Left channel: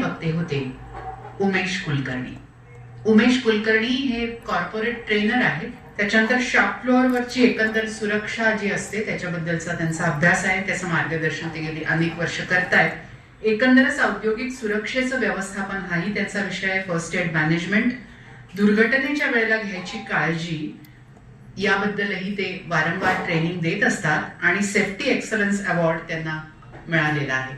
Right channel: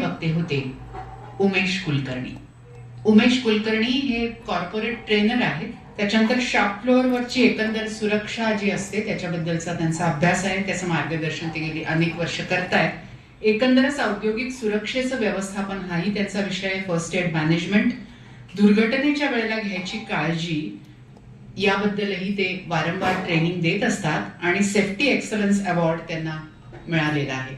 वक्ते होते उमेश कुलकर्णी. उमेश कुलकर्णी हे कॉर्पोरेट ट्रेनर आहेत. त्याच्यानंतर शॉप फ्लोअरवरची एकंदर सुरक्षा जी असते त्याच्याबद्दलचा त्यांचा अभ्यास आहे. त्याचं मार्गदर्शन ते गेली अनेक वर्ष करतायत. एकंदरच औद्योगिक सुरक्षेचं व्यवस्थापन हाही त्यांचा विषय आहे. फर्स्ट एड मॅनेजमेंट, दुर्घटनेच्या वेळेला घ्यायची काळजी याबद्दलही ते वारंवार ट्रेनिंग देत असतात आणि सेफ्टी एक्सलन्स अवॉर्ड त्यांना मिळालेला आहे.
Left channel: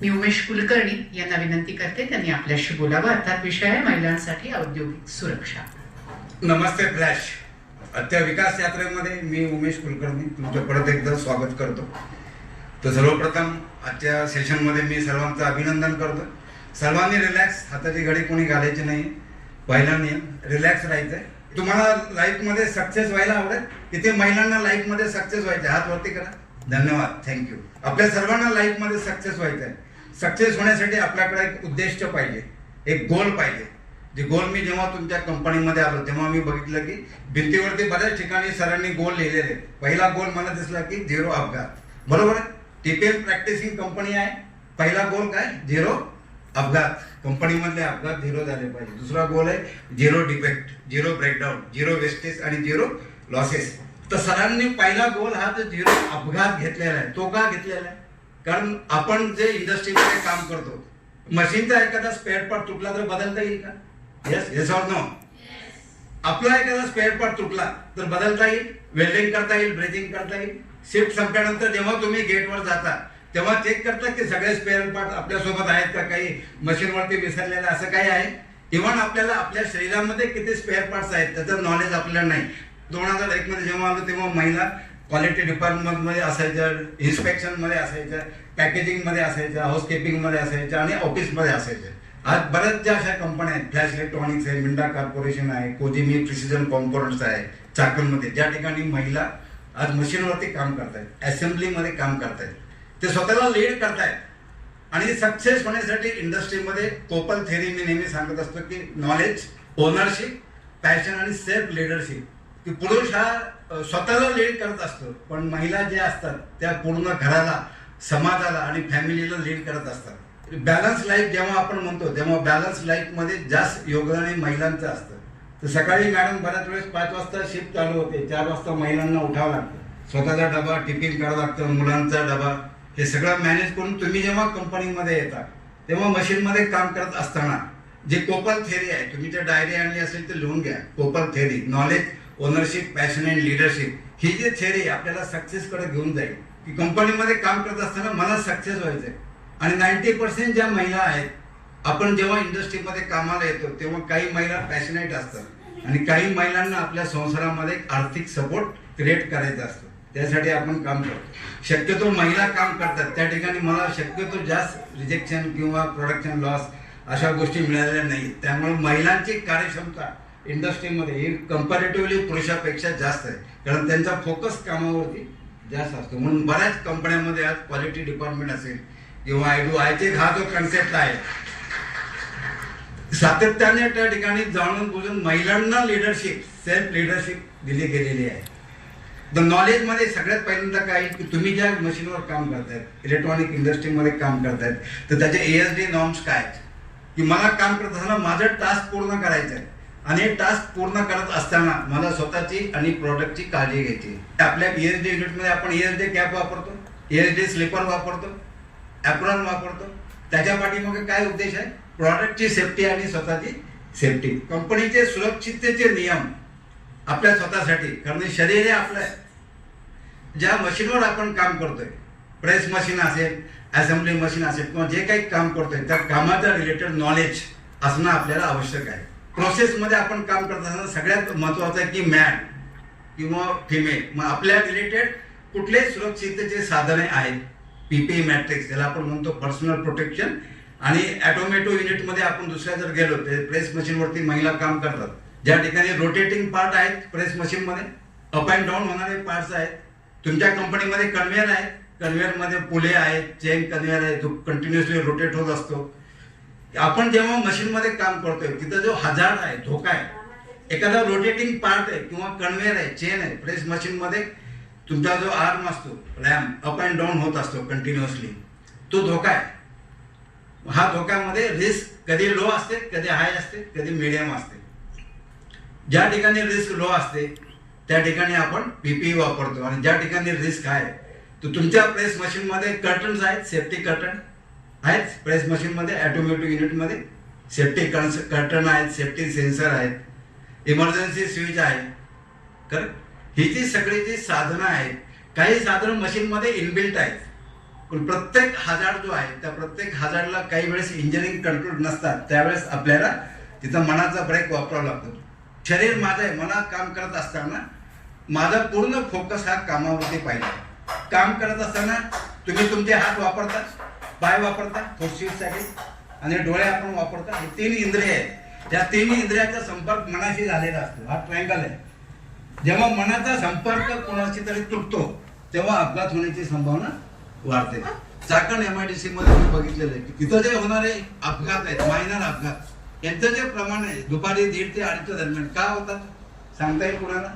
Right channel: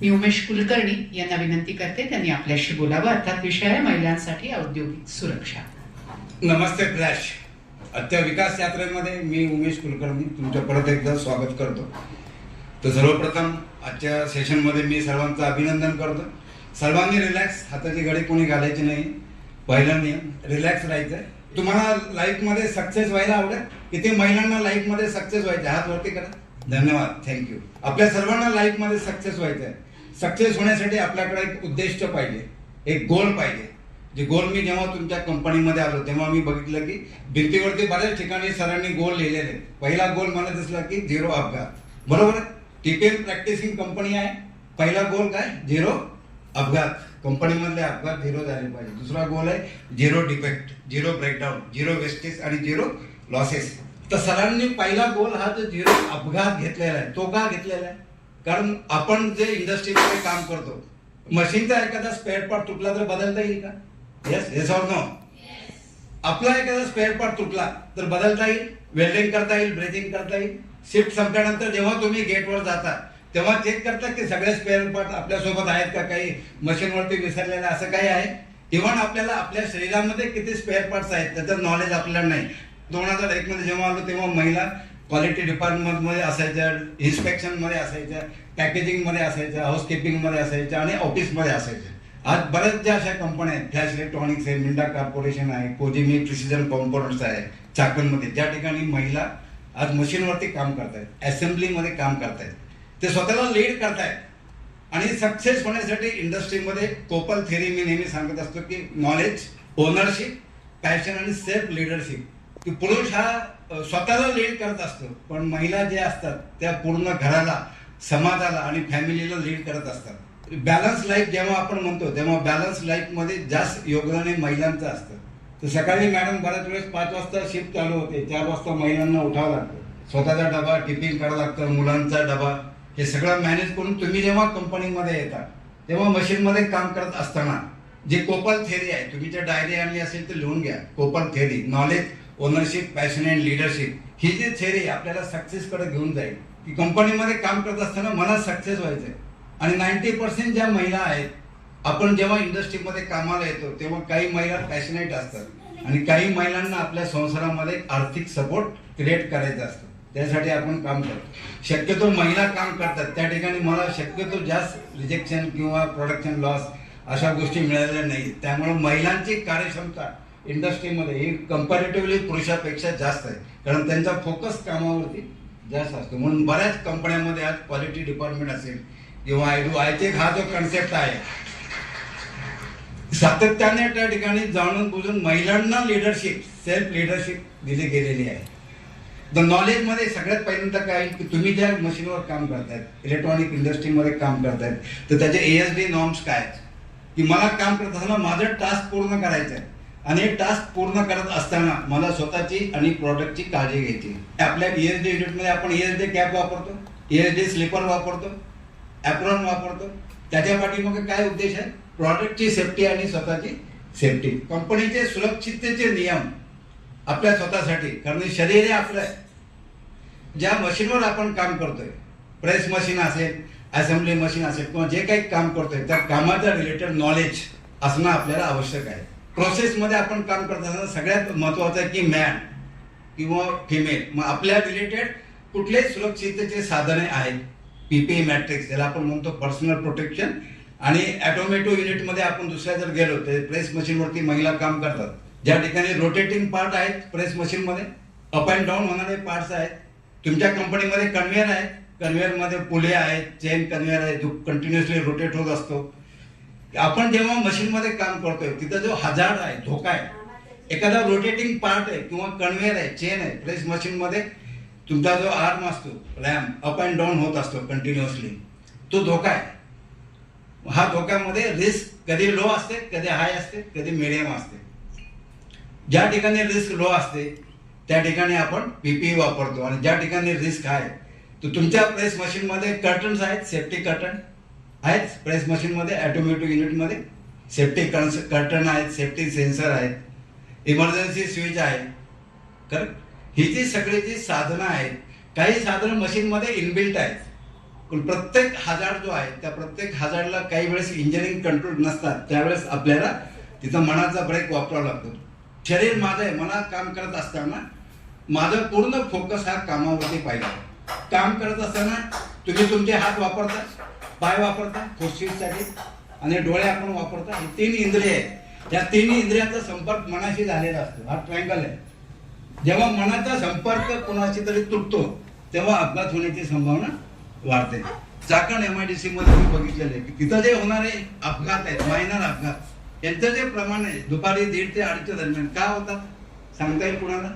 मी उमेश कुलकर्णी यांना विनंती करते त्यांनी आपल्याशी बोलावं. अर्थात विषय आहे महिलांसाठी औद्योगिक सुरक्षा. नमस्ते फ्लॅश. आजच्या विकास यात्रेमध्ये मी उमेश कुलकर्णी तुमचं परत एकदा स्वागत करतो. तर सर्वप्रथम आजच्या सेशनमध्ये मी सर्वांचं अभिनंदन करतो. सर्वांनी रिलॅक्स, हाताची घडी कोणी घालायची नाही. पहिला नियम रिलॅक्स राहायचंय. तुम्हाला लाईफमध्ये सक्सेस व्हायला आवडेल? किती महिलांना लाईफमध्ये सक्सेस व्हायचे? हात वरती करा. धन्यवाद, थँक्यू. आपल्या सर्वांना लाईफमध्ये सक्सेस व्हायचं आहे. सक्सेस होण्यासाठी आपल्याकडे एक उद्दिष्ट पाहिजे, एक गोल पाहिजे. जे गोल मी जेव्हा तुमच्या कंपनीमध्ये आलो तेव्हा मी बघितलं की भिंतीवरती बऱ्याच ठिकाणी सरांनी गोल लिहिलेले. पहिला गोल मला दिसला की 0 अपघात. बरोबर आहे? टीपीएम प्रॅक्टिसिंग कंपनी आहे. पहिला गोल काय? 0 अपघात. कंपनीमधले अपघात 0 झाले पाहिजे. दुसरा गोल आहे 0 डिफेक्ट, 0 ब्रेकडाऊन, 0 वेस्टेज आणि 0 लॉसेस. तर सरांनी पहिला गोल हा जो 0 अपघात घेतलेला आहे. तो का घेतलेला आहे? कारण आपण जे इंडस्ट्रीमध्ये काम करतो, मशीनचा एखादा स्पेअर पार्ट तुटला तर बदलता येईल का? Yes, yes or no? आपला एखादा स्पेअर पार्ट तुटला तर बदलता येईल, वेल्डिंग करता येईल, ब्रेकिंग करता येईल. शिफ्ट संपल्यानंतर जेव्हा तुम्ही गेटवर जाता तेव्हा चेक करता की सगळे स्पेअर पार्ट आपल्यासोबत आहेत का, काही मशीनवरती विसरलेलं असं काही आहे. इव्हन आपल्याला आपल्या शरीरामध्ये किती स्पेअर पार्ट्स आहेत त्याचं नॉलेज आपल्याला नाही. 2001 मध्ये जेव्हा आलो तेव्हा महिला क्वालिटी डिपार्टमेंट मध्ये असायच्या, इन्स्पेक्शन मध्ये असायच्या, पॅकेजिंग मध्ये असायच्या, हाऊसकीपिंग मध्ये असायच्या आणि ऑफिस मध्ये असायच्या. आज बऱ्याच ज्या अशा कंपन्या आहेत, फ्लॅश इलेक्ट्रॉनिक्स आहे, मिंडा कॉर्पोरेशन आहे, कोजिमी प्रिसिजन कॉम्पोनंट्स आहे, चाकणमध्ये, ज्या ठिकाणी महिला आज मशीनवरती काम करतायत, असेंब्लीमध्ये काम करतायत, ते स्वतःला लीड करतायत. आणि सक्सेस होण्यासाठी इंडस्ट्रीमध्ये कोपल थेरी मी नेहमी सांगत असतो की नॉलेज, ओनरशिप, पॅशन आणि सेल्फ लिडरशिप. की पुरुष हा स्वतःला लीड करत असतो, पण महिला ज्या असतात त्या पूर्ण घराला, समाजाला आणि फॅमिलीला लीड करत असतात. बॅलन्स लाईफ जेव्हा आपण म्हणतो तेव्हा बॅलन्स लाईफ मध्ये जास्त योगदान महिलांचं असतं. तर सकाळी मॅडम बऱ्याच वेळेस 5 वाजता शिफ्ट चालू होते, 4 वाजता महिलांना उठावं लागतं, स्वतःचा डबा टिफिन करावं लागतं, मुलांचा डबा, हे सगळं मॅनेज करून तुम्ही जेव्हा कंपनीमध्ये येता तेव्हा मशीनमध्ये काम करत असताना जी कोपल थेरी आहे, तुम्ही जर डायरी आणली असेल तर लिहून घ्या. KOPL theory, knowledge, ownership, passion and leadership, ही जी थेरी आपल्याला सक्सेस कडे घेऊन जाईल. की कंपनीमध्ये काम करत असताना मला सक्सेस व्हायचंय. आणि 90% ज्या महिला आहेत, आपण जेव्हा इंडस्ट्रीमध्ये कामाला येतो तेव्हा काही महिला पॅशनेट असतात आणि काही महिलांना आपल्या संसारामध्ये आर्थिक सपोर्ट क्रिएट करायचा असतो. त्यासाठी आपण काम करतो. शक्यतो महिला काम करतात त्या ठिकाणी मला शक्यतो जास्त रिजेक्शन किंवा प्रोडक्शन लॉस अशा गोष्टी मिळालेल्या नाहीत. त्यामुळे महिलांची कार्यक्षमता इंडस्ट्रीमध्ये ही कंपॅरेटिव्हली पुरुषापेक्षा जास्त आहे, कारण त्यांचा फोकस कामावरती जास्त असतो. म्हणून बऱ्याच कंपन्यांमध्ये आज क्वालिटी डिपार्टमेंट असेल किंवा आयचे हा जो कन्सेप्ट आहे, सातत्याने त्या ठिकाणी जाणून बुजून महिलांना लिडरशिप, सेल्फ लिडरशिप दिली गेलेली आहे. द नॉलेज मध्ये सगळ्यात पहिल्यांदा काय की तुम्ही ज्या मशीनवर काम करतायत, इलेक्ट्रॉनिक इंडस्ट्रीमध्ये काम करतायत, तर त्याचे ASD नॉर्म्स काय आहेत. की मला काम करत असताना माझं टास्क पूर्ण करायचं आहे आणि हे टास्क पूर्ण करत असताना मला स्वतःची आणि प्रोडक्टची काळजी घ्यायची. आपल्या ESD युनिटमध्ये आपण ESD कॅप वापरतो, ESD स्लीपर वापरतो, ॲप्रॉन वापरतो. त्याच्या पाठीमागे काय उद्देश आहे? प्रॉडक्टची सेफ्टी आणि स्वतःची सेफ्टी. कंपनीचे सुरक्षिततेचे नियम आपल्या स्वतःसाठी, कारण शरीर हे आपलं आहे. ज्या मशीनवर आपण काम करतोय, प्रेस मशीन असेल, असेंब्ली मशीन असेल किंवा जे काही काम करतोय त्या कामाच्या रिलेटेड नॉलेज असणं आपल्याला आवश्यक आहे. प्रोसेसमध्ये आपण काम करत असताना सगळ्यात महत्वाचं आहे की मॅन किंवा फिमेल, मग आपल्या रिलेटेड कुठले सुरक्षिततेचे साधने आहेत. PPE मॅट्रिक्स ज्याला आपण म्हणतो पर्सनल प्रोटेक्शन. आणि ऑटोमॅटिक युनिटमध्ये आपण दुसऱ्या जर गेलो तर प्रेस मशीनवरती महिला काम करतात, ज्या ठिकाणी रोटेटिंग पार्ट आहेत प्रेस मशीनमध्ये, अप अँड डाऊन होणारे पार्ट्स आहेत. तुमच्या कंपनीमध्ये कन्व्हेअर आहे, कन्व्हेअरमध्ये पुले आहेत, चेन कन्व्हेअर आहे जो कंटिन्युअसली रोटेट होत असतो. आपण जेव्हा मशीनमध्ये काम करतोय तिथं जो हजार्ड आहे, धोका आहे, एखादा रोटेटिंग पार्ट आहे किंवा कन्व्हेअर आहे, चेन आहे, प्रेस मशीनमध्ये तुमचा जो आर्म असतो, रॅम अप अँड डाऊन होत असतो कंटिन्युअसली, तो धोका आहे. हा धोक्यामध्ये रिस्क कधी लो असते, कधी हाय असते, कधी मिडियम असते. ज्या ठिकाणी रिस्क लो असते त्या ठिकाणी आपण पीपीई वापरतो, आणि ज्या ठिकाणी रिस्क आहे तर तुमच्या प्रेस मशीन मध्ये कर्टन्स आहेत, सेफ्टी कर्टन आहेत. प्रेस मशीन मध्ये ऑटोमॅटिक युनिट मध्ये सेफ्टी कर्टन आहेत, सेफ्टी सेन्सर आहेत, इमर्जन्सी स्विच आहे. करेक्ट. ही जी सगळी जी साधनं आहेत, काही साधनं मशीन मध्ये इनबिल्ट आहेत, पण प्रत्येक हजार्ड जो आहे त्या प्रत्येक हजार्डला काही वेळेस इंजिनिअरिंग कंट्रोल नसतात. त्यावेळेस आपल्याला तिथं मनाचा ब्रेक वापरावा लागतो. शरीर माझं आहे, मनात काम करत असताना माझा पूर्ण फोकस हा कामावरती पाहिजे. काम करत असताना तुम्ही तुमचे हात वापरता, पाय वापरता फुसफुससाठी, आणि डोळे आपण वापरता. हे 3 इंद्रिय आहेत. त्या 3 इंद्रियाचा संपर्क मनाशी झालेला असतो. हा ट्रायंगल आहे. जेव्हा मनाचा संपर्क कोणाशी तरी तुटतो तेव्हा अपघात होण्याची संभावना वाढते. चाकण एमआयडीसी मध्ये मी बघितलेलं आहे की तिथं जे होणारे अपघात आहेत, मायनर अपघात, यांचं जे प्रमाण आहे दुपारी 1:30 ते 2:30 दरम्यान का होतात सांगता येईल कुणाला?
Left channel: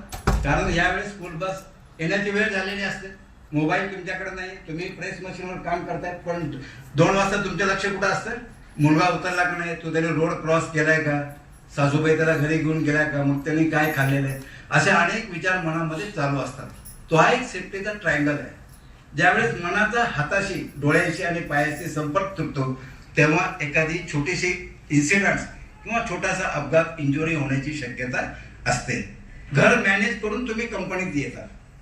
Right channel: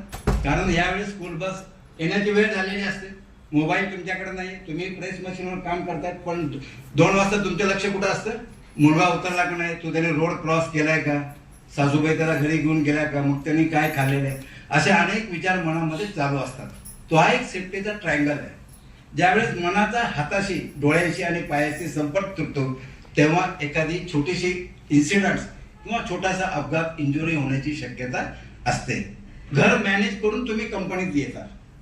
कारण यावेळेस स्कूल बस येण्याची वेळ झालेली असते, मोबाईल तुमच्याकडे नाही, तुम्ही प्रेस मशीनवर काम करताय, पण 2 वाजता तुमचं लक्ष कुठं असतं? मुलगा उतरला का नाही, तो त्याने रोड क्रॉस केलाय का, सासूबाई त्याला घरी घेऊन गेलाय का, मग त्यांनी काय खाल्लेलं आहे, असे अनेक विचार मनामध्ये चालू असतात. तो हा एक सेफ्टीचा ट्रायंगल आहे. ज्यावेळेस मनाचा हाताशी, डोळ्यांशी आणि पायाशी संपर्क तुटतो तेव्हा एखादी छोटीशी इन्सिडंट किंवा छोटासा अपघात, इंजुरी होण्याची शक्यता असते. घर मॅनेज करून तुम्ही कंपनीत येता,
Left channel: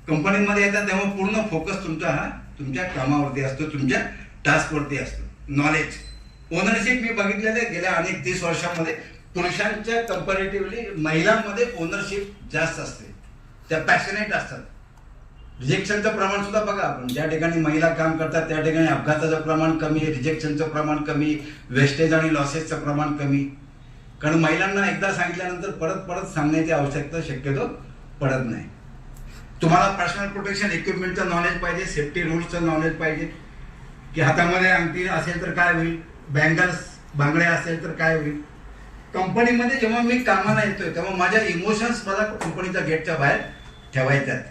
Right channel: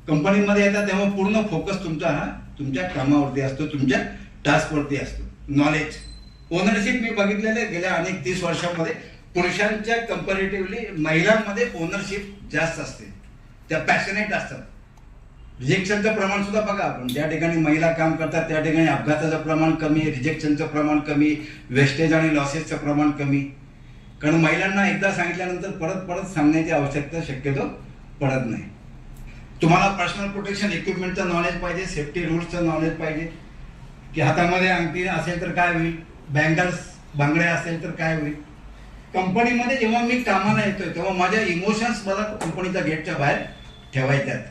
कंपनीमध्ये येता तेव्हा पूर्ण फोकस तुमचा हा तुमच्या कामावरती असतो, तुमच्या टास्कवरती असतो. नॉलेज, ओनरशिप मी बघितलेलं गेल्या अनेक 30 वर्षांमध्ये पुरुषांच्या कंपॅरेटिव्हली महिलांमध्ये ओनरशिप जास्त असते. त्या पॅशनेट असतात. रिजेक्शनचं प्रमाण सुद्धा बघा आपण, ज्या ठिकाणी महिला काम करतात त्या ठिकाणी अपघाताचं प्रमाण कमी आहे, रिजेक्शनचं प्रमाण कमी, वेस्टेज आणि लॉसेसचं प्रमाण कमी. कारण महिलांना एकदा सांगितल्यानंतर परत परत सांगण्याची आवश्यकता शक्यतो पडत नाही. तुम्हाला पर्सनल प्रोटेक्शन इक्विपमेंटचं नॉलेज पाहिजे, सेफ्टी रूल्सचं नॉलेज पाहिजे, की हातामध्ये अंगठी असेल तर काय होईल, बँगल्स बांगड्या असेल तर काय होईल. कंपनीमध्ये जेव्हा मी कामाला येतोय तेव्हा माझ्या इमोशन्स मला कंपनीच्या गेटच्या बाहेर ठेवायच्यात.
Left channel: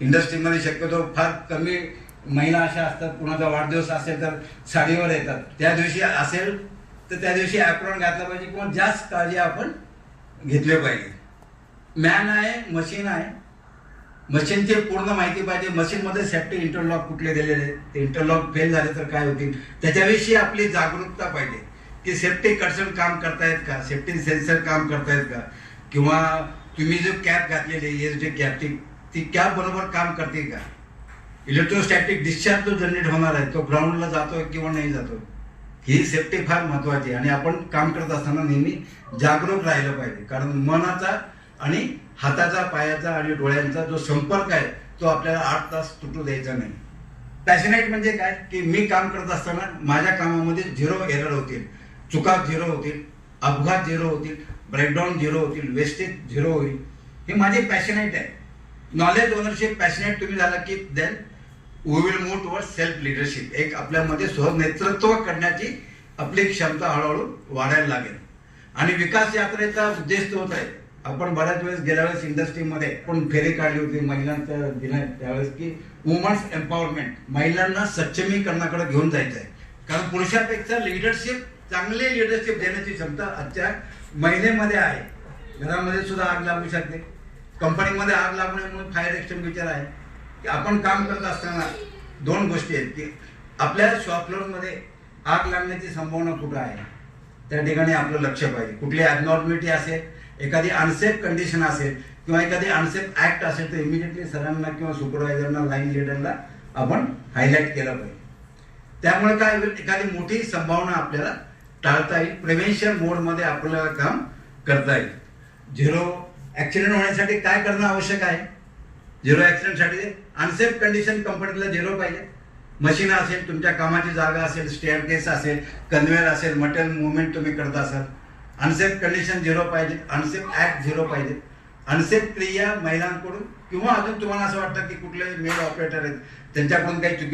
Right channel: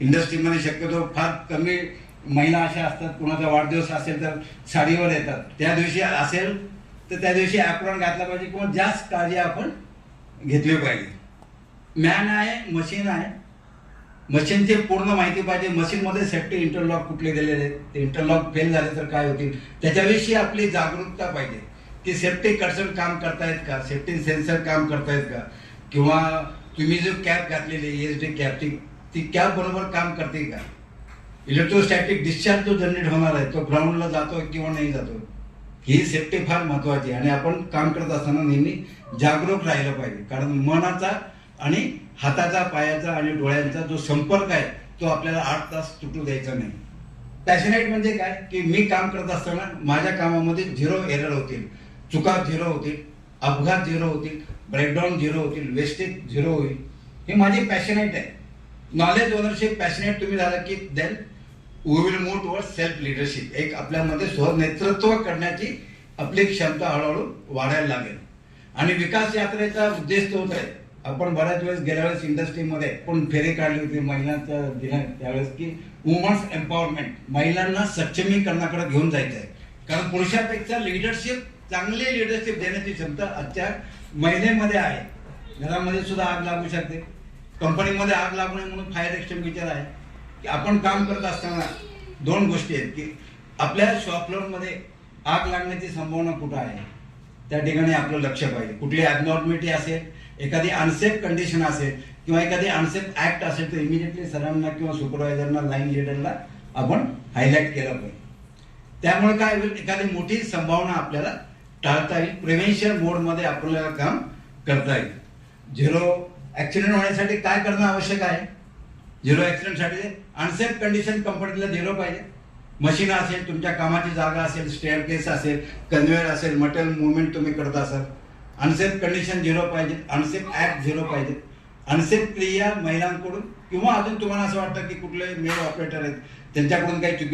इंडस्ट्रीमध्ये शक्यतो फार कमी महिला अशा असतात, कुणाचा वाढदिवस असेल तर साडीवर येतात, त्या दिवशी असेल तर त्या दिवशी ॲप्रॉन घातला पाहिजे किंवा जास्त काळजी आपण घेतली पाहिजे. मॅन आहे, मशीन आहे, मशीनची पूर्ण माहिती पाहिजे. मशीनमध्ये सेफ्टी इंटरलॉक कुठले दिलेले, ते इंटरलॉक फेल झाले तर काय होतील त्याच्याविषयी आपली जागरूकता पाहिजे, की सेफ्टी कर्सन काम करतायत का, सेफ्टी सेन्सर काम करतायत का, किंवा तुम्ही जो कॅप घातलेली ESD कॅप ती कॅप बरोबर काम करते का, इलेक्ट्रोस्टॅटिक डिस्चार्ज जो जनरेट होणार आहे तो ग्राउंडला जातोय किंवा नाही जातो. ही सेफ्टी फार महत्वाची आहे आणि आपण काम करत असताना नेहमी जागरूक राहिलं पाहिजे. कारण मनाचा आणि हाताचा, पायाचा आणि डोळ्यांचा जो संपर्क आहे तो आपल्याला 8 तास तुटू द्यायचा नाही. पॅशनेट म्हणजे काय, की मी काम करत असताना माझ्या कामामध्ये 0 एरर होतील, चुका 0 होतील, अपघात 0 होतील, ब्रेकडाऊन 0 होतील, वेस्टेज 0 होईल. हे माझी पॅशनेट आहे. नॉलेज, ओनरशिप, पॅशनेट तुम्ही झाला की then we will move towards self leadership. एक आपल्यामध्ये स्वनेतृत्व करण्याची आपली क्षमता हळूहळू वाढायला लागेल. आणि विकास यात्रेचा उद्देश तोच आहे. आपण बऱ्याच वेळेस गेल्या वेळेस इंडस्ट्रीमध्ये पण फेरी काढली होती महिलांच्या दिना त्यावेळेस, की वुमन्स एम्पॉवरमेंट, महिलांना सक्षमीकरणाकडे घेऊन जायचं आहे. कारण पुरुषापेक्षा लिडरशिप, चांगले लिडरशिप देण्याची क्षमता आजच्या महिलेमध्ये आहे. घरामध्ये सुद्धा आग लागू शकते, कंपनीमध्ये आग लागू नये म्हणून फायर एक्सटिंग्विशर आहे. की आपण काम करत असताना 2 गोष्टी आहेत, की आपल्या शॉप फ्लोअरमध्ये आग लागण्याची संभावना कुठं आहे त्या ठिकाणी आपलं लक्ष पाहिजे. कुठली ॲबनॉर्मॅलिटी असेल, एखादी अनसेफ कंडिशन असेल किंवा एखादी अनसेफ ऍक्ट असेल तर इमिजिएटली सरांना किंवा सुपरवायझरना, लाईन लिडरला आपण हायलाईट केलं पाहिजे. त्यामुळे काय होईल, एखादी मोठी संभावना आपल्याला टाळता येईल. प्रिव्हेन्शन मोडमध्ये आपल्याला काम करता येईल. 0 ऍक्सिडेंट होण्यासाठी काय करणं आवश्यक आहे? 0 ऍक्सिडेंटसाठी अनसेफ कंडिशन कंपनीला 0 पाहिजे. मशीन असेल, तुमच्या कामाची जागा असेल, स्टेअरकेस असेल, कन्व्हेअर असेल, मटेरियल मुवमेंट तुम्ही करत असाल, अनसेफ कंडिशन 0 पाहिजे, अनसेफ ऍक्ट 0 पाहिजे. अनसेफ क्रिया महिलांकडून किंवा अजून तुम्हाला असं वाटतं की कुठले मेल ऑपरेटर आहेत त्यांच्याकडून काही चुकी